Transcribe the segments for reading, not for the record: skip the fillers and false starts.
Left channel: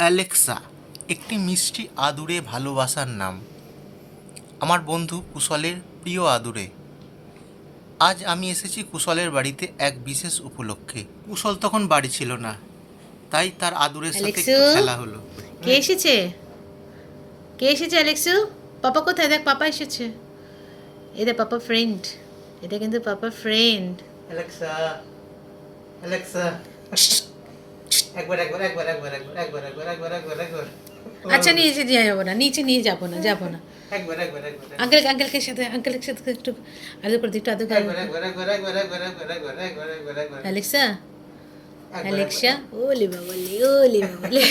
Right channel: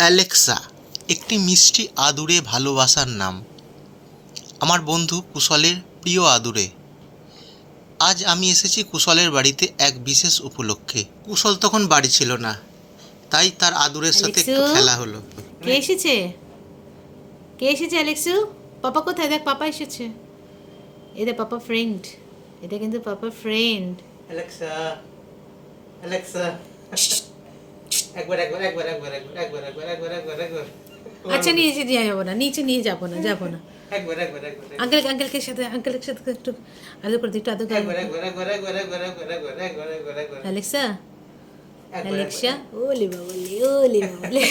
Alexa একটি মিষ্টি আদুরে ভালোবাসার নাম। আমার বন্ধু কুশলের প্রিয় আদুরে। আজ আমি এসেছি কুশলের বাড়িতে এক বিশেষ উপলক্ষে। কুশল তখন বাড়ি ছিল না, তাই তার আদুরের সাথে অ্যালেক্সু, একটু খেলা হলো। কে এসেছে? কে এসেছে অ্যালেক্সু? পাপা কোথায়? দেখ, পাপা এসেছে। এটা পাপা ফ্রেন্ড, এটা কিন্তু পাপা ফ্রেন্ড। অ্যালেক্সা, অ্যালেক্সা, একবার একবার একবার একবার একবার একবার একবার একবার একবার একবার আচ্ছা, নিচে দিয়ে যাবো না, নিচে নিয়ে যাবো না, যাবো না। একবার একবার একবার আঙ্কেলের সাথে একটু আদর করে দিই, একটু আদর করে একবার একবার একবার একবার একবার একবার একবার একবার একবার একবার অ্যালেক্সা, অ্যালেক্সা, ওলে বাবালে, ওলে বাবালে,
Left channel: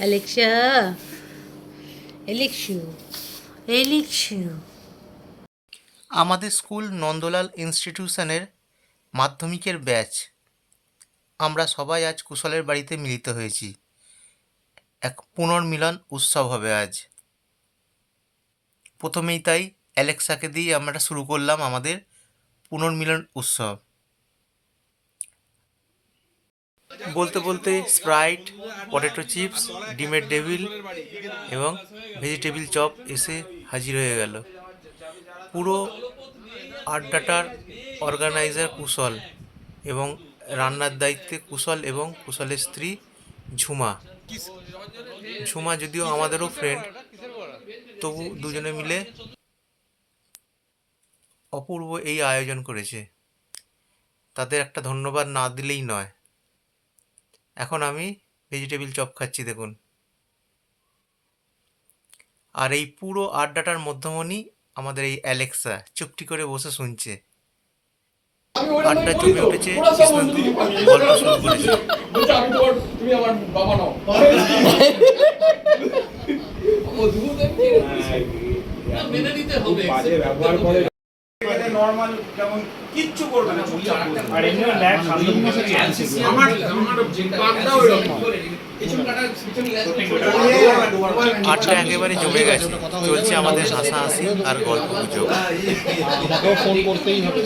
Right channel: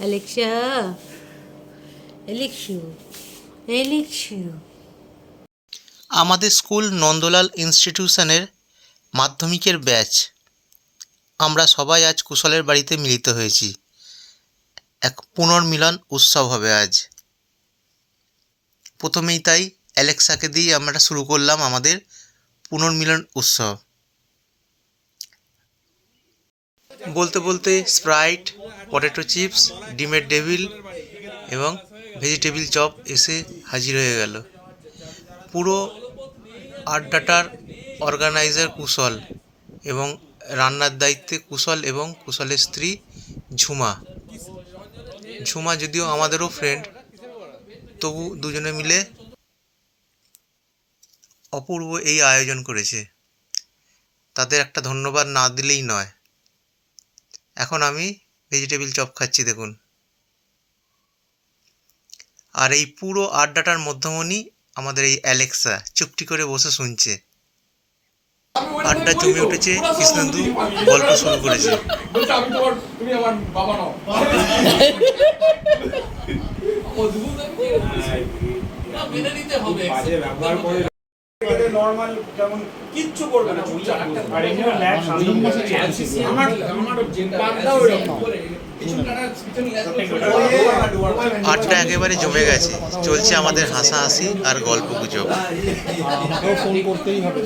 অ্যালেক্সা, এলেক্সু, এলেক্সু। আমাদের স্কুল নন্দলাল ইনস্টিটিউশনের মাধ্যমিকের ব্যাচ। আমরা সবাই আজ কুশলের বাড়িতে মিলিত হয়েছি। এক পুনর্মিলন উৎসব হবে আজ। প্রথমেই তাই অ্যালেক্সাকে দিয়ে আমরা শুরু করলাম আমাদের পুনর্মিলন উৎসব। বলতে বলতে স্প্রাইট, পটেটো চিপস, ডিমের ডেভিল এবং ভেজিটেবিল চপ এসে হাজির হয়ে গেল। পুরো আড্ডাটার অর্গানাইজার কুশল এবং রান্নার দায়িত্বে কুশল এবং কুশলের স্ত্রী ঝুমা। ঝুমা যদিও আমাদেরও ফ্রেন্ড, তবু দুজনে মিলে অপূর্ব এই আয়োজন করেছে। তাদের একটা ধন্যবাদ না দিলেই নয়। এখন আমি ভেজিটেবিল চপ খাচ্ছি, দেখুন। আর এই পুরো আড্ডাটার মধ্যমণি আমাদের এই অ্যালেক্সা চুপটি করে বসে শুনছে। আড্ডা জমে উঠেছে, কৃষ্ণেন্দু গল্প শুরু করেছে। নরমাল যেমন কিচ্ছু করবে না, আর এমনি ল্যাগ আমার বাগদাও এরকম। আড্ডা একেবারে জমে গেছে, চলছে আমাদের হাসাহাসি আর গল্প গুজব। ফোন করতেই হবে।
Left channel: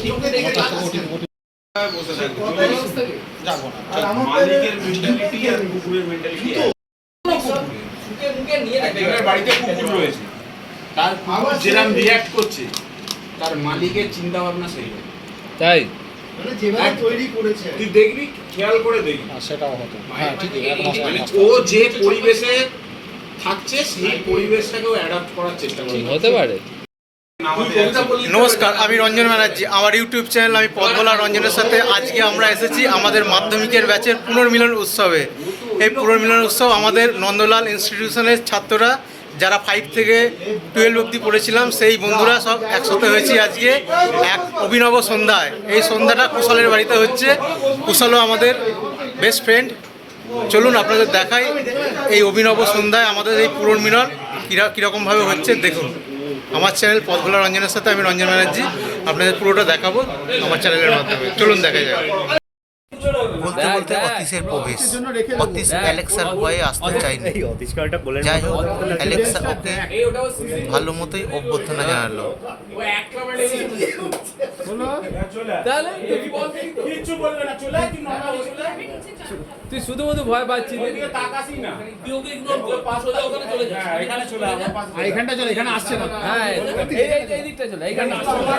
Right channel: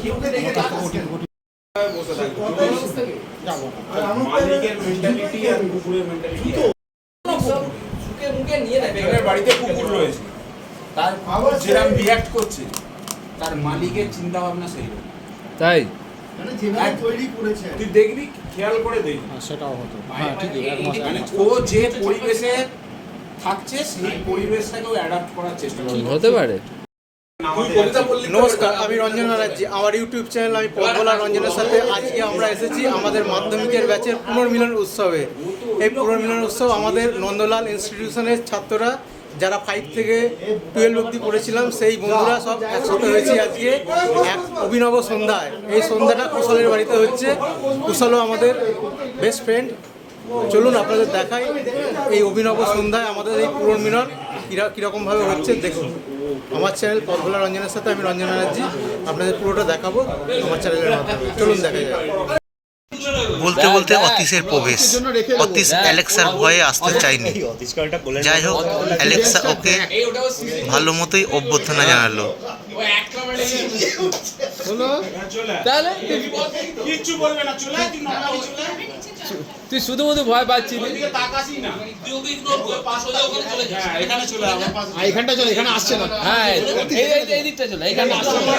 মালিকের মেন্টালিটি আর কুকুরের মেন্টালিটি, বাড়িতে কুকুর রয়েছে, তার যেরকম রিয়াক্ট করছে তার মালিকের চিন্তা ভাবনা সেই। তাই মানে যেভাবে তৈরি করেছে তুই দেখবি, খেয়াল করে দেখবি, সেটাও হতো। হ্যাঁ, ঠিক আছে। মানে ও যে পরিবেশে থাকছে সেই পরিবেশটাকেও অ্যাডাপ্ট করার চেষ্টা করছে। হতে পারে। নমস্কার, আমি রঞ্জন ব্যানার্জি। আমার ইউটিউব চ্যানেল আমি পথভোলা রঞ্জনের সাথে আজকে আমরা এসেছি আমাদের মাধ্যমিকের ব্যাচের পুনর্মিলন উৎসবে। এই পুনর্মিলন উৎসব আমাদের নন্দলাল ইনস্টিটিউশনের ছাত্ররা যারা 5 থেকে 12 অবধি পড়েছিলাম, সেই বন্ধুরা সব একসাথে হয়েছি আজকে এক অভিনব সন্ধ্যায়। এই সন্ধ্যাটা কুশলের বাড়িতে হচ্ছে। কুশলও আমাদের বেস্ট ফ্রেন্ড। চলুন আপনাদের দেখাই এই অভিনব সন্ধ্যায় আমাদের এই পুনর্মিলন কীরকমভাবে হচ্ছে দেখুন। আমার চ্যানেল পথভোলা রঞ্জনের সাথে আমি রঞ্জন ব্যানার্জি আপনাদের পুরোটা দেখাবো আমার চ্যানেলের মাধ্যমে। চলুন দেখা যাক। বলতে বলতে অতীশের প্রবেশ। অতীশ অ্যালেক্সার ভয়ে আসতে চায়নি। যাই হোক, অ্যালেক্সা ওকে ভালো মতোই অভ্যর্থনা জানালো। কিচ্ছু বলবে না, চলে আয়, তুই নরমালি চলে আয়। তুই শুধু শুধু ভয় পাচ্ছিস। ওইদিকে তাকাসই না, হ্যাঁ এখানে চলে আয়, আমার পাশে। এখানটা চলে, এখানে আসছে না। হ্যাঁ, এই দিকটা চলে, এখানে আসছে না।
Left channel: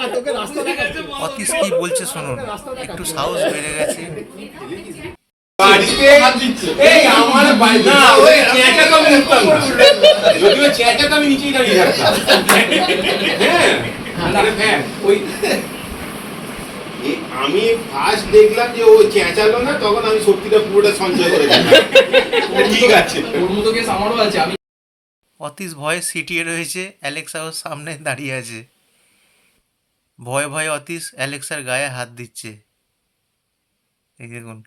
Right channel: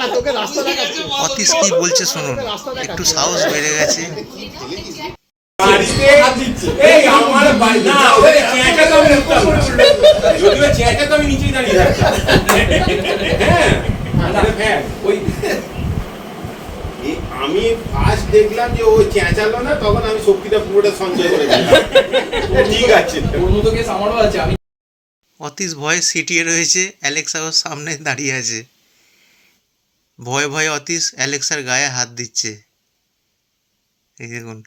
না তোকে রাস্তা দেখাচ্ছি। অতীশ কি বলছে শুনুন, একটু সাহস বেড়ে গেছে। এই আমার বাইরে না, ওই চেয়ারটা তো আমি নিতাম না। যদিও চেয়ারটা তো আমি নিচেই দাঁড়িয়ে থাকতাম। হ্যাঁ, আরে ফ্যান ওই আমি ফার্স্ট দেখলাম যে ও চেঁচালো না, তখন আমি শক্তিটা পুরোটা সঞ্চয় করে দিলাম। ঠিক আছে, ওর মতো কেস আমারও আছে। আমি অতীশ ভয়ে সিটিয়ে রয়েছে, অ্যালেক্সা ওর সামনে দাঁড়িয়ে আছে। ভয়ে ভয়ে অতীশ অ্যালেক্সার গায়ে হাত দিচ্ছে। এই দেখুন।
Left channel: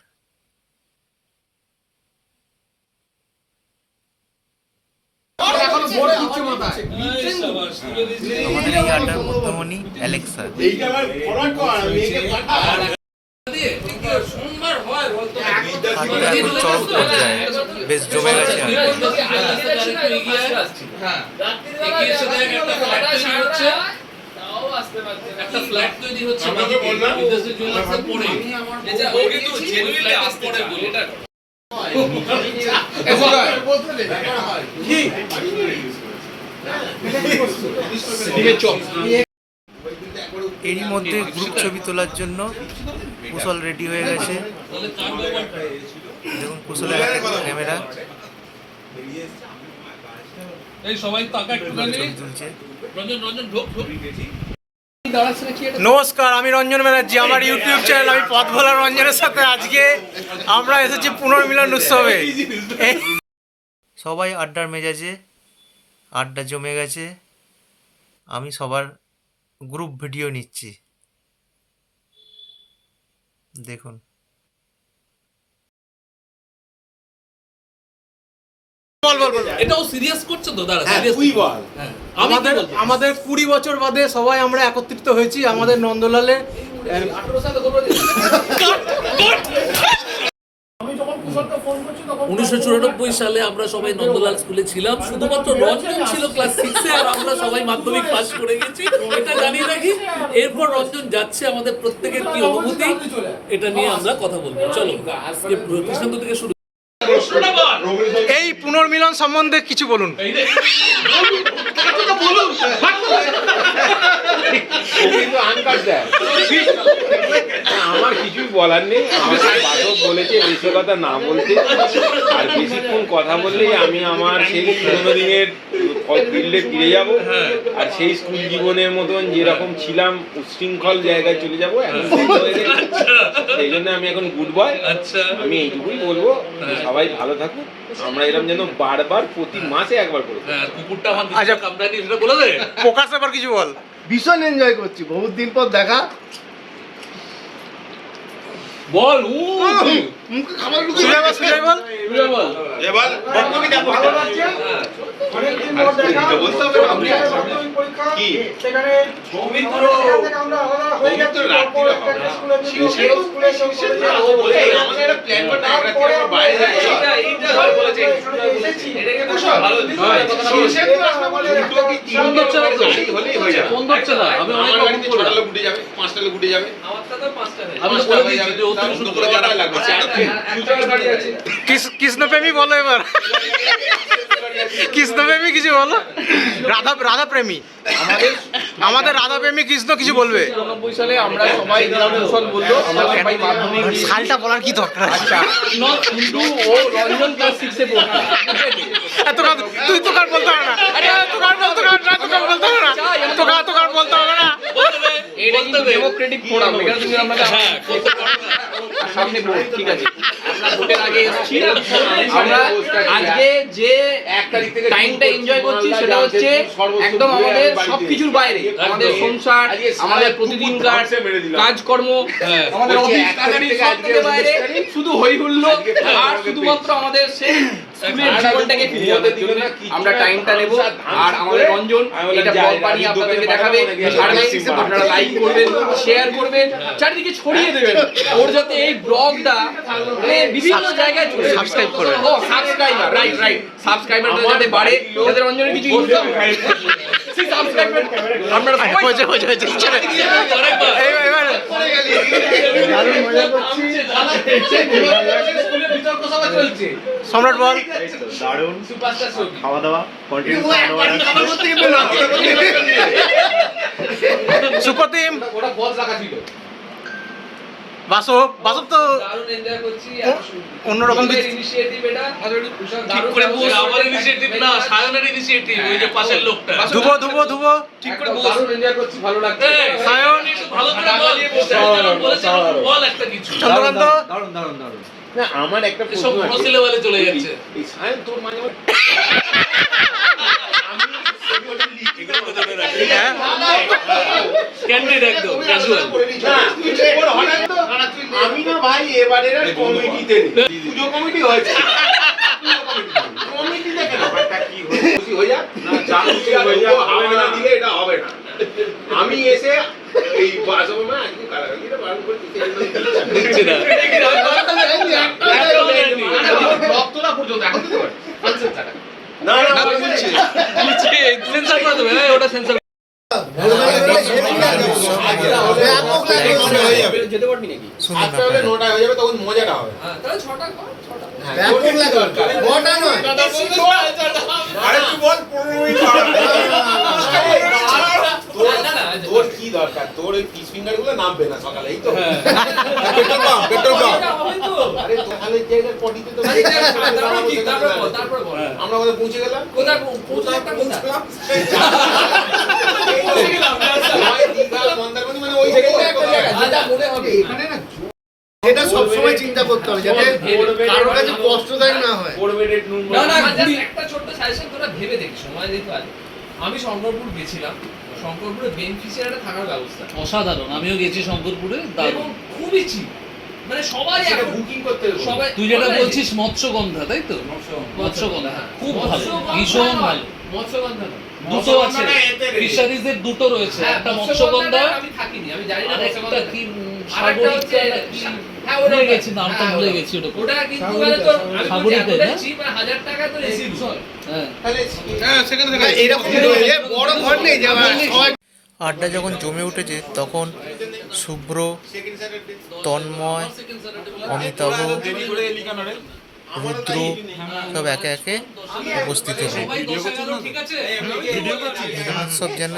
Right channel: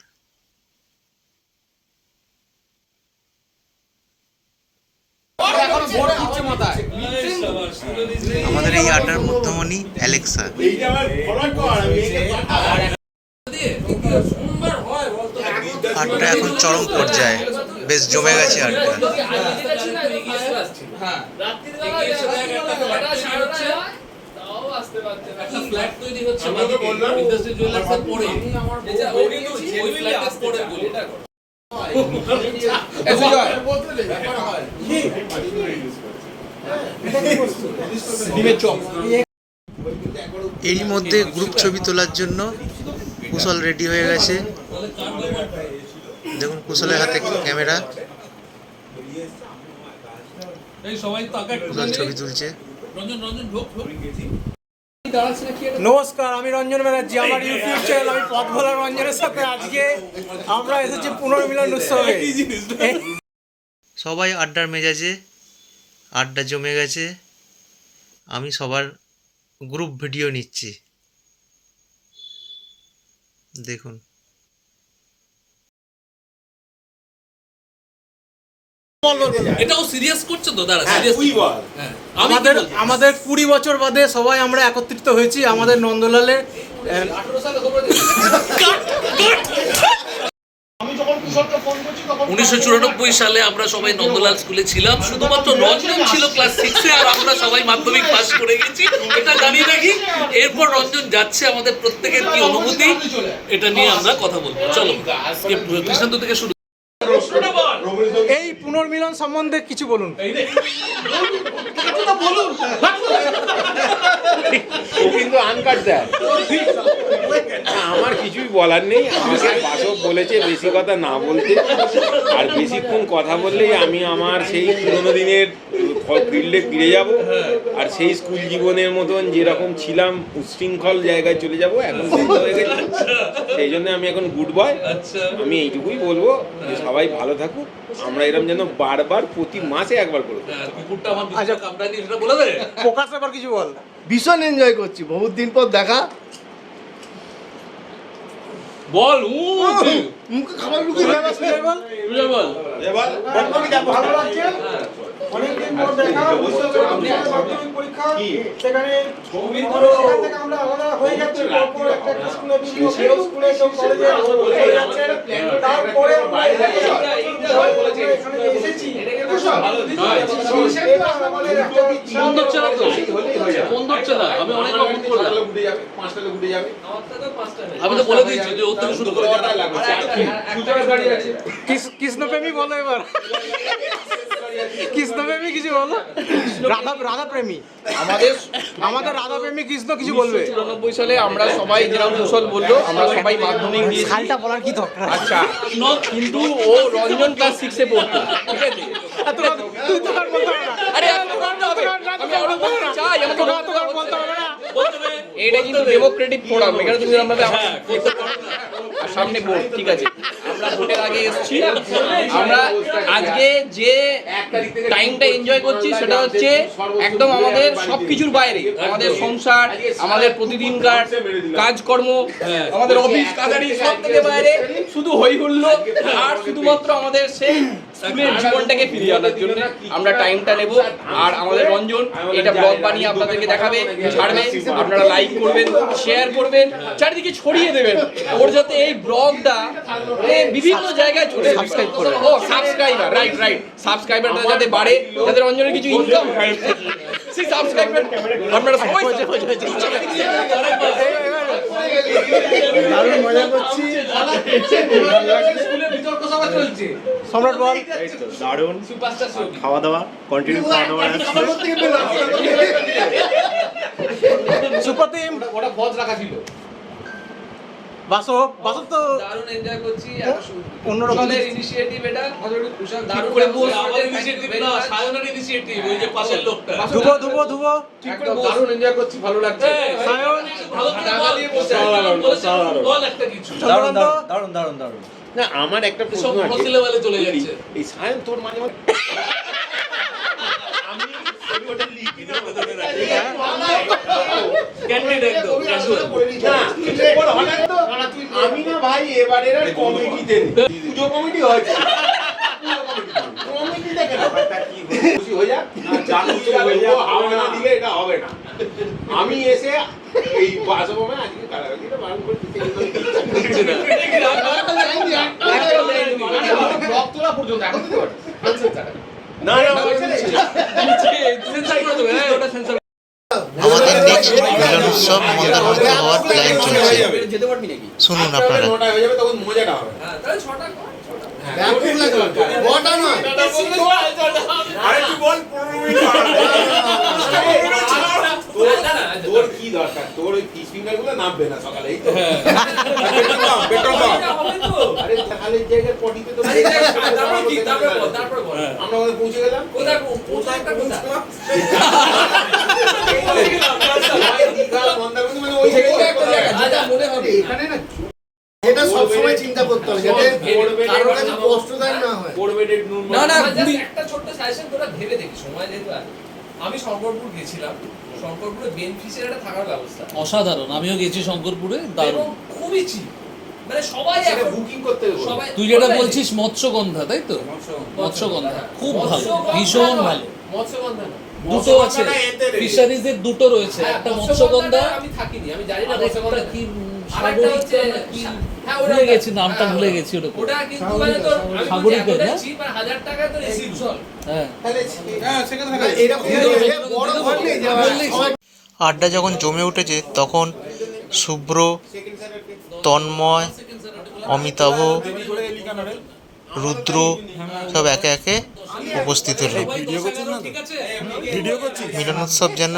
আমাদের এই আড্ডার মধ্যমণি অ্যালেক্সা। আড্ডা এখন চরম পর্যায়ে। বেশ জমে গেছে আর একটা ফ্ল্যাট তৈরি হচ্ছে ইন্ডাস্ট্রিয়াল জুয়েলার্সের পরে এটা ওকে তো জেনুইনলি আসতে বলি এটা এরই মধ্যে গ্রুপ ছবি তোলার জন্য কুশল রেডি হয়ে গেছে। দেখুন কুশলের হাতে ক্যামেরা, এই সবাই তাকা কুশল ছবি তুলছে। রঞ্জন রঞ্জন ঢোক ঢোক নমস্কার, আমি রঞ্জন ব্যানার্জি। আমার ইউটিউব চ্যানেল আমি পথ ভোলা রঞ্জনের সাথে আজকে আমরা এসেছি পুনর্মিলন উৎসবে। সবাই আড্ডার মেজাজে, আড্ডা জমে গেছে। আমি সবার গ্রুপ ভিডিও নিচ্ছি, দেখুন। এটাও সিরিয়াস করছো তো দাঁড়া সিরিয়াস হ্যাঁ আমি কি বলবো আমাদের 20 বছর বাদে সবাই আমরা একত্রিত হয়েছি আমাদের নন্দলালে। 1994 সালে আমরা সবাই নন্দলাল স্কুলে ছিলাম, শুধুমাত্র রঞ্জন ছিল ক্লাস 6 এ আর আমরা সবাই মাধ্যমিক পাস করে গেছি, এটা জানি নাকি। এরপর রঞ্জন যাচ্ছে, আমাদের প্রত্যেকের কি অনুভূতি এটা নিয়ে আমরা কথা বলবো। চলো কৃষ্ণান্ত থেকে শুরু। এই পুনর্মিলন সম্বন্ধে কিছু বলুন। কিন্তু আনকাট দেয়। আমার কিছুই বলার নেই। আমাকে বাসক বলেছে বেশি কথা না বলতে, আর বেশিক্ষণ কথা বললেই আমি আমার সেই পুরোনো দিনের ফিল্ডে ফিরে যাব, আর সেই স্কুল জীবনের মতন যেরকম ছিলাম উচ্ছৃঙ্খল জায়গায় চলে যাব। এখন সেই জন্য আমি এখন গুড বয়। আমি এইটুকুই বলবো, সবাই ভালো থাকুক। আমরা এরকম যেন বারবার প্রতি মাসে একবার করে কুকুরটা আচ্ছা কামড়ানি সেটা বলে দে। প্রকাশ আবার কিছু বল। ভীষণ এনজয় করছি, বহুত দিন পর দেখা। বল সুজয় বল। এবার ভালো লাগছে, অনেকদিন পর দেখা। সেখানে আমরা হয়ে গেছি স্কুলে সব আমি তো বলে দিয়েছি যে অতি শুরু করে কৃষ্ণপ্রেমী বলো এবার। কৃষ্ণপ্রেমী কিছু বলো। রাধা প্রেমী, আমাদের রাধা প্রেমী কৃষ্ণ কিছু বলবে। 99 সালে আমরা সবাই যেরকম কুশল বললো, আমরা সবাই মাধ্যমিক সালটা বলার কি দরকার? আচ্ছা, কিন্তু ও রঞ্জন ক্লাস 6 এ পড়তো। তুই তো কার বলতে হবে না, তোকার বলতে হবে না। এটা কিন্তু ডেমোক্রেটিক ফোরাম, এখানে তুমি আমাকে সামনে ভোট, ঠিক আছে? আমরা ভোটের আগে এসেছি। আমরা আজকে যে টাইমটা এনজয় করছি সেটা হচ্ছে একদম আমাদের সবকিছুর বাইরে। আমাদের সংসার, আমাদের প্রতিদিনকার কাজকর্ম, আমাদের অফিস কাছারি সব থেকে বাইরে শুধু হই হুল্লো আর শুধুমাত্র আমাদের সেই স্কুলের জীবনটাকে ফিরিয়ে আনার জন্য আমরা টাইমটা নেব। আর আমাদের রঞ্জন এটা ব্লগ বানিয়ে আপনাদেরকে দেখাবে, ছাড়বে। আপনারা লাইক করবেন, শেয়ার করবেন, চারিদিকে ছড়িয়ে দেবেন। ওর যাতে এই ব্লগটা বিভিন্ন জায়গায় সাবস্ক্রাইব করবেন। ও সাবস্ক্রাইবার, রাইট, সাবস্ক্রাইবারটা যাতে বাড়ে, যাতে রঞ্জনের কিছু ইনকাম হয়। সেই সাবস্ক্রাইবার আপনারা সবাই এবার দারুণ মজা করছি। স্কুলের বিতর্ক সভা চলছে। সম্রাট বল। দারুণ খাওয়া দাওয়া, কন্টিনিউ খাওয়া দাওয়া। সুপ্রতিম, ওটা বল রাখা ছিল। বাসব তো দারুণ এনজয় করছি। অন্যরকম ইনিশিয়েটিভ এটা ঠিক করে বল। আমার ইনিশিয়েটিভ না, সায়নের ইনিশিয়েটিভ, ওই যে পাশের লোকটা। ধুবো ঠিক করে দারুণ এনজয় করছি, ভালো লাগছে। সায়ন, ভালো করে বল একটা কিছু। চন্দ্রকান্ত। না, আমার একটা সব প্রশ্ন আছে। মসিলে বলে চলে যাচ্ছে। এই সায়ন তোর মাঝে মাঝে ক্যান্ডিড একদম ক্যাজুয়াল। আমি না ভাই এবারের আর কমিটিতে নেই। পুজো কমিটি হয়েছে, কমিটি দেখে না কি খুশি হয়ে যাক না, যা খুশি হয়ে যাক, হবে না দিলে এটা হবে না। আমি এসে এই বাসবমে আজকে কালাকালিটা বারণ করতে দিচ্ছে না। ব্লগ তোলা পর্যন্ত এখন সেন্সর করে দেবে, এই ওটা সেন্সর। আমাদের নেক্সট মিলন উৎসব মন্দারমণিতে হওয়ার প্ল্যান চলছে। যেতে পারবি নাকি? শুনুন আপনারা। ওটা হয়ে যাবে তখন মজাটা হবে। হ্যাঁ, তাহলে 6টা কর। ব্যাপক লাগে ওটা নয় আরে তুই বল 15 মিনিট তোর কি দরকার? তোর ওই ফিশ ফিঙ্গার গুলো নামবে না সকালে, এই তো পেট্রোল পাম্প, পেট্রোল পাম্প। আরে তাহলে জায়গায় পটিতে তো তারপরে বল। আমরা ওখানে পৌঁছে গেলাম। কোথায় পৌঁছাটা কোথায়? দীঘা মন্দারমণি মানে ওই জায়গায় মনে হবে এখানে না এটা সব সময় চিন্তা করতে হবে যাতে কারোর কাছে কষ্টদায়ক না হয়। ফরমেটেড নুন না, না, আমার just একটা ছোট্ট সাজেশন, তোরা ভেবে দেখ, সময় যেহেতু আছে। আমি শঙ্করপুর গেছিলাম, শঙ্করপুরে বেনিফিশিয়ারিটা থাকার ব্যবস্থা অসাধারণ, আমিও গেছি শঙ্করপুরে, এবং দারুণ। খুবই চিপ, মানে সবাই সেটা এখন বুকিং করতে হবে। সবাই তুই যেটা online এ। বলছিস মৎস্যগন্ধা, তাই তো? মৎস্যগন্ধা হ্যাঁ। খুব ভালো, মৎস্যগন্ধা ভীষণ নয়, ভালো। মৎস্যগন্ধা নয়। দুটো আছে, ফিশারিজের দুটো রয়েছে, হ্যাঁ, একটা মৎস্যগন্ধা আমি থাকিনি, আমি জানি না আর একটা মৎস্যগন্ধা কি আরেকটা হচ্ছে সাগরিকা কি হ্যাঁ, ভুলে গেছি, নামটা হ্যাঁ, ভুলে গেছি ওটা। ওটা কিন্তু মানে তোর সাগরিকা, না? চিপ 1000 টাকা তোর এসি রুম। হ্যাঁ, তাহলে এরকম বড় ঘর নেই যে সবাই আড্ডা যখন জমে উঠেছে তখন শুভ্র, তন্ময়, অমিতাভ, রুদ্র সব একে একে উপস্থিত হলো। ঠিক আছে? মিলনোৎসব যেন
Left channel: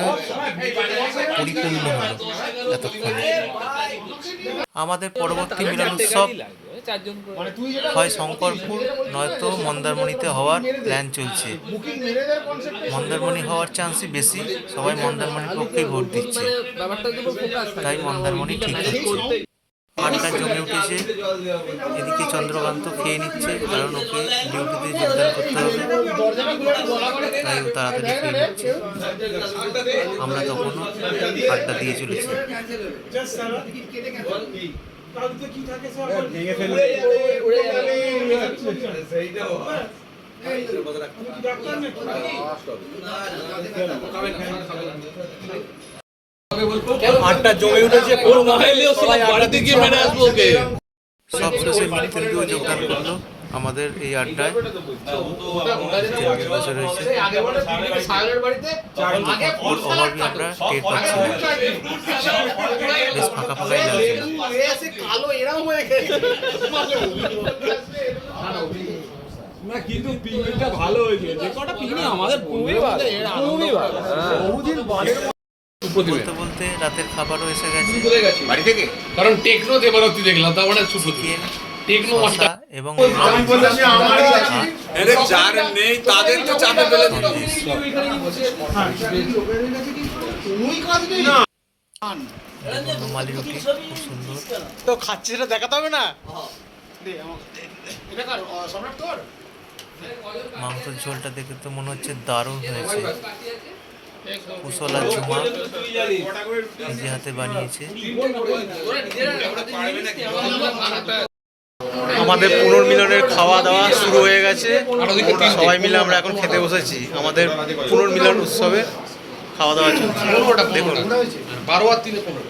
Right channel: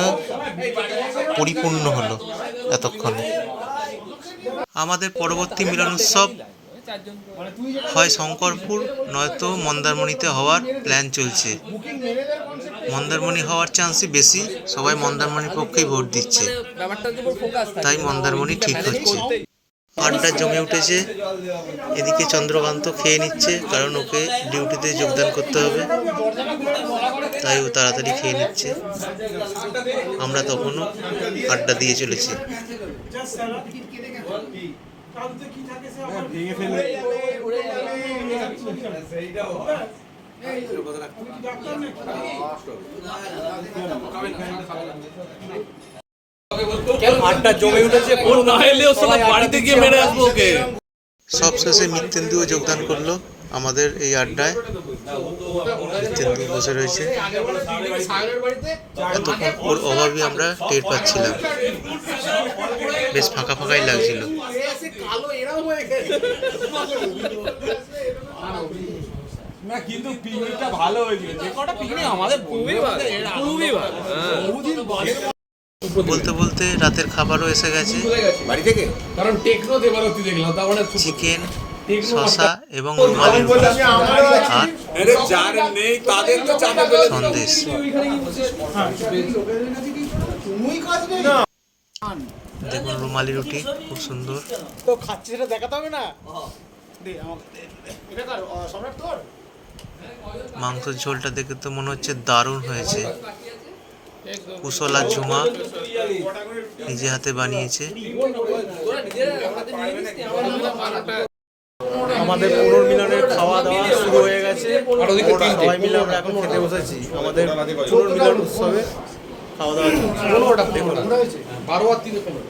পরিপূর্ণ হলো এতক্ষণে। আমাদের পরবর্তী মিলনোৎসব হয় শঙ্করপুর নয়তো মন্দারমণিতে হওয়ার প্ল্যান চলছে। মন্দারমণি হওয়ার চান্সই বেশি, সবাই মন্দারমণির পক্ষেই ভোট দিচ্ছে, তাই মন্দারমণি ঠিক হচ্ছে। আড্ডা জমে উঠেছে, এদিকে চন্দ্রকান্ত খেয়ে নিচ্ছে কারণ ওকে ডিউটিতে যোগদান করতে হবে, তাই ও তাড়াতাড়ি খেয়ে নিচ্ছে। আমরা তখনও আড্ডা দিয়ে চলেছি। আড্ডা জমে উঠেছে পুরো সবাই বাড়িতে গিয়ে মেরে আসবো ওকে। সবশেষে মৃত্যুঞ্জয় যোগদান করলো আমাদের এই আড্ডায়। মৃত্যুঞ্জয় বসে রয়েছে, এতক্ষণ ওর অভাবে আমরা টের পাচ্ছিলাম, বেশ ফাঁকা ফাঁকাই লাগছিল। কালো এরকম হয়ে গেছে না কিন্তু পিকনিকটা ভালো হয়েছে। যে কটা পিকনিক আমাদের বন্ধুদের মধ্যে এর আনন্দ করা বহুদিন বাদে। বলতে বলতে রাতের খাবারও এসে গেছে। বাড়ি থেকে কারণ টেকনো তে বেরোতে দেখলাম, তার মানে চিকেন, শসা এবং রুমালি আর আরে যার নেই তাদের তো চাপে ফেলে সন্দেশ। দেখুন রুমালি রুটি খুব সুন্দর। তো খাচ্ছে সেটা দেখাতে হবে না। মাংসের ঝোলটা দেখে তো মনে হচ্ছে দারুণ হয়েছে। কুশলা ঝুমা নিজে হাতে বানিয়েছে। আমাদের পুনর্মিলনের খাওয়া দাওয়া শুরু হয়ে গেছে, সবাই মিলে আমরা এখন খেতে বসেছি। আমাদের পুনর্মিলন উৎসবে খাওয়া দাওয়া চলছে, দেখুন। 12 আর 3 15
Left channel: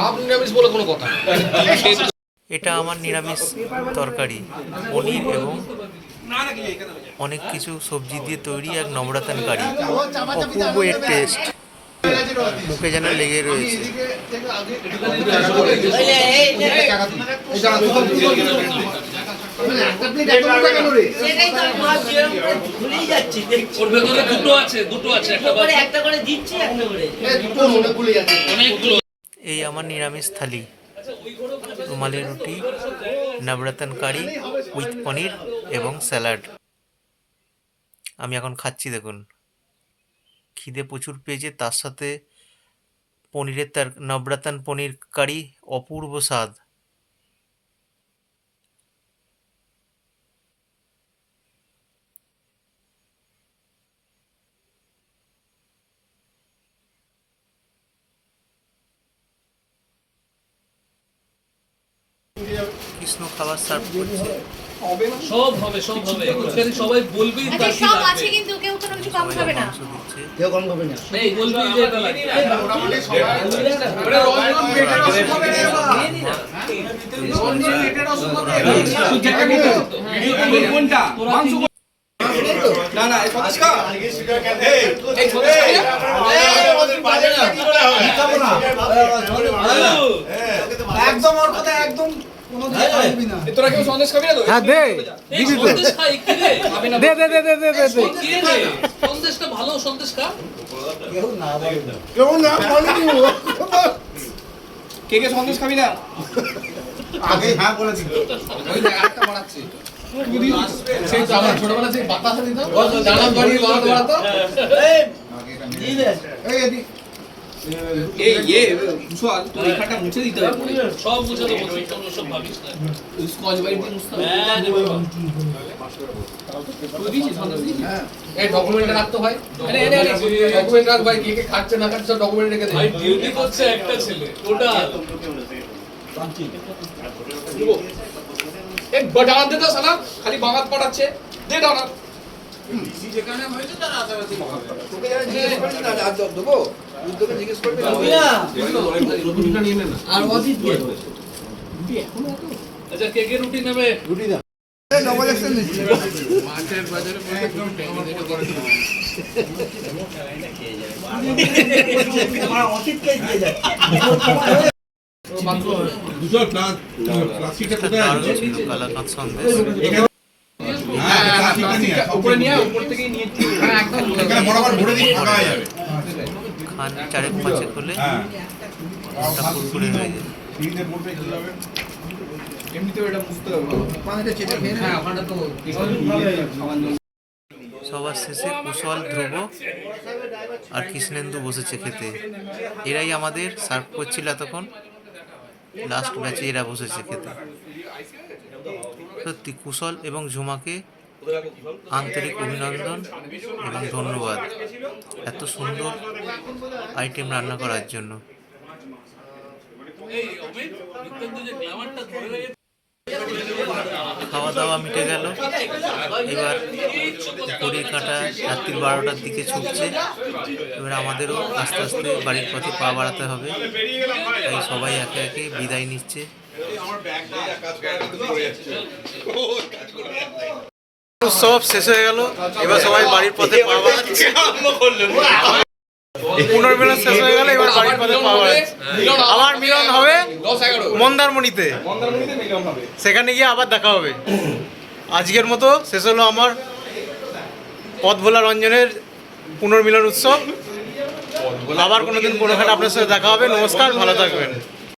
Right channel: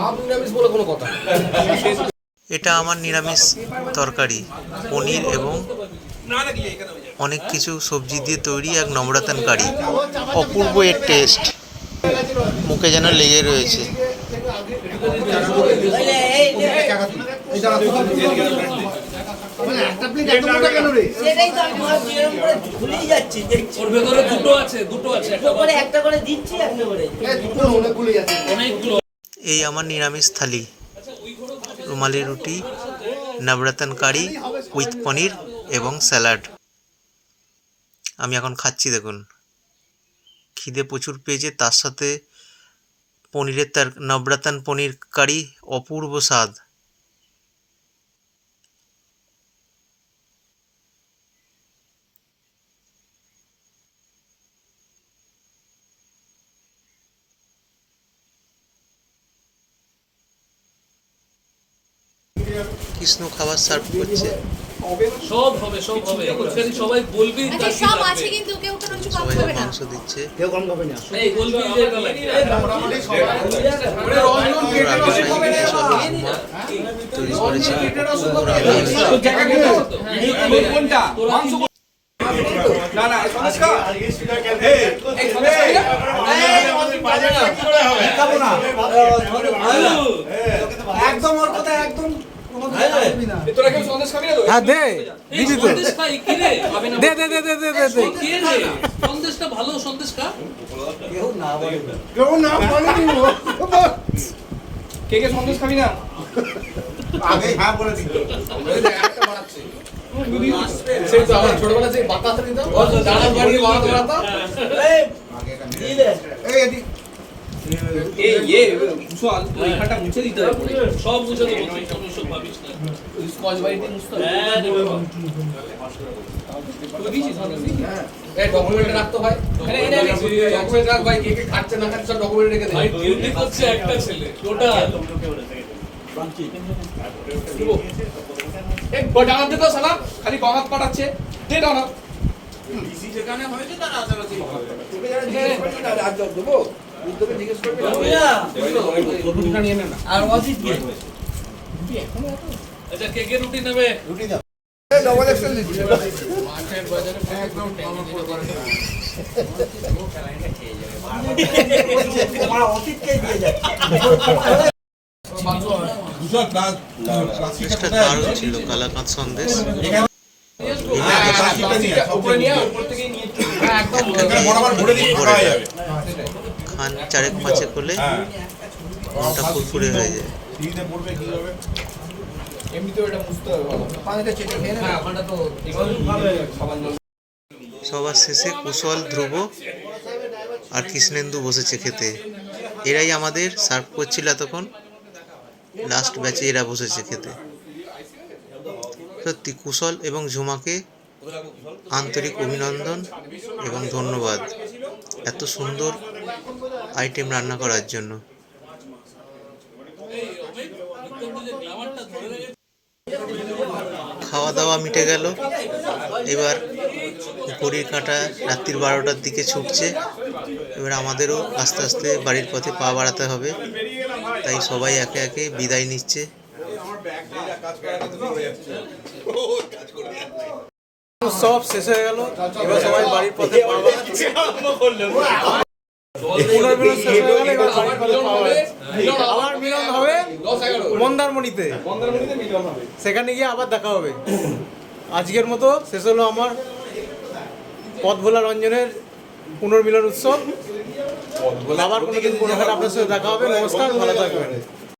হাফ নিরামিষ বলে কোনো কথা। এটা আমার নিরামিষ তরকারি, পনির এবং অনেক কিছু সবজি দিয়ে তৈরি এক নবরত্ন কারি। অপূর্ব এর টেস্ট, মুখে যেন লেগে রয়েছে। ওর ভেতরে দুটো আছে একটা করে দিচ্ছি, একটা করে অনেকগুলো। এই আমার নিরামিষ থালি, রুমালি রুটি, নবরত্ন কারি উইথ পনির এবং স্যালাড। আমি এখন খাচ্ছি, দেখুন খিদে প্রচুর পেয়েছে, তার সাথে পনিরের নবরত্ন পনির কারি, অপূর্ব স্বাদ। কৃষ্ণ খাবার সার্ভ করছে, সব হবে সবাই বলবি তার কি সব লাগবে। আছে কিন্তু কেউ কোনো কিছু কম সবাই খাবে না। মাংস দিচ্ছে। এই বলবি যে এটা লাগবে। রান্না মা তৈরি করেছে পুরো আলাদা হয়েছে। একদম ওর কথা একদম তোরা কেউ সন্দেশ খাবি না তো? হ্যাঁ দে দিবি তো সন্দেশ খাই কি রে? দে দে দে দে দে দে দে কি রে? সন্দেশটা ভালো সন্দেশ খা। কে কে সন্দেশ খাবি না? সেই তো আমার ছোটবেলা যে বাতাসা দিতাম, জানালা বাড়িয়ে বানাতো। এই কুশল, তোর এখানটা মুছে দিতে হবে। সব বুঝে দেবো, তুই কোনো সব ভাবিস না। স্কচ বাইট দিয়ে মুছতে হবে। হ্যাঁ, তুই দিয়েছিস সন্দেশ দিয়েছিস? এই ডকুমেন্টটা রাখতে হয়। ডকুমেন্ট রাখ ভাই, কে কে খাচ্ছে না খাচ্ছে সব ডকুমেন্ট রেখে দে। ভাই ডিউটি করছে একটা ছেলে ওটা এক ডানাত দে তো সালা, খালি বাঙাত পাঠাচ্ছে। দে ডানাত। আচ্ছা কে কে রুটি নেবে? এটা দারুণ ছিল কালাকাঁদ সন্দেশ। উপরে নিয়ে উপর থেকে নিয়ে একদম খান চারেক পাঁচেক হলে মনটা ফুরফুরে হয়ে যায়। এমনিতেও এটা বুঝতে হবে। হ্যাঁ, আমারটা তো সবার শেষে কুশল, ধ্রুব আর কৃষ্ণেন্দু বসেছে খেতে। এরাই আমাদের সার্ভ করছিল এতক্ষণ, লাস্ট ব্যাচে এরা বসেছে খেতে। সত্যি কুশল এবং ঝুমাকে আন্তরিক অভিনন্দন এবং ধন্যবাদ এত সুন্দর আইটেম রান্না করার জন্য। এই অমিত নিত্যন্ত যে গ্ল্যামারটা ধরে রেখে খাওয়া দাওয়া মিটে গেল। এবার ঘড়ির কাঁটা রাত্রির 12টার দিকে ছুটছে। এবার আমাদেরও আস্তে আস্তে বাড়ির পথে পা বাড়াতে হবে, তাই সবাই একে একে বিদায় নিচ্ছে। উৎসব শেষ হয়ে গেল, এবার সবাই বাড়ির পথে পা বাড়াচ্ছে। পুনর্মিলন শেষ হয়ে গেল, এবার বাড়ির পথে পা বাড়াচ্ছে। আবার মিলন হবে মন্দারমণিতে, সেখানে গিয়ে আবার দেখা হবে। আজকের মতো শেষ হলো আমার পথ ভোলা রঞ্জনের পুনর্মিলন উৎসব। আবার কোনোদিন কোনোখানে আপনার সাথে দেখা হবে। নমস্কার, ভালো থাকবেন।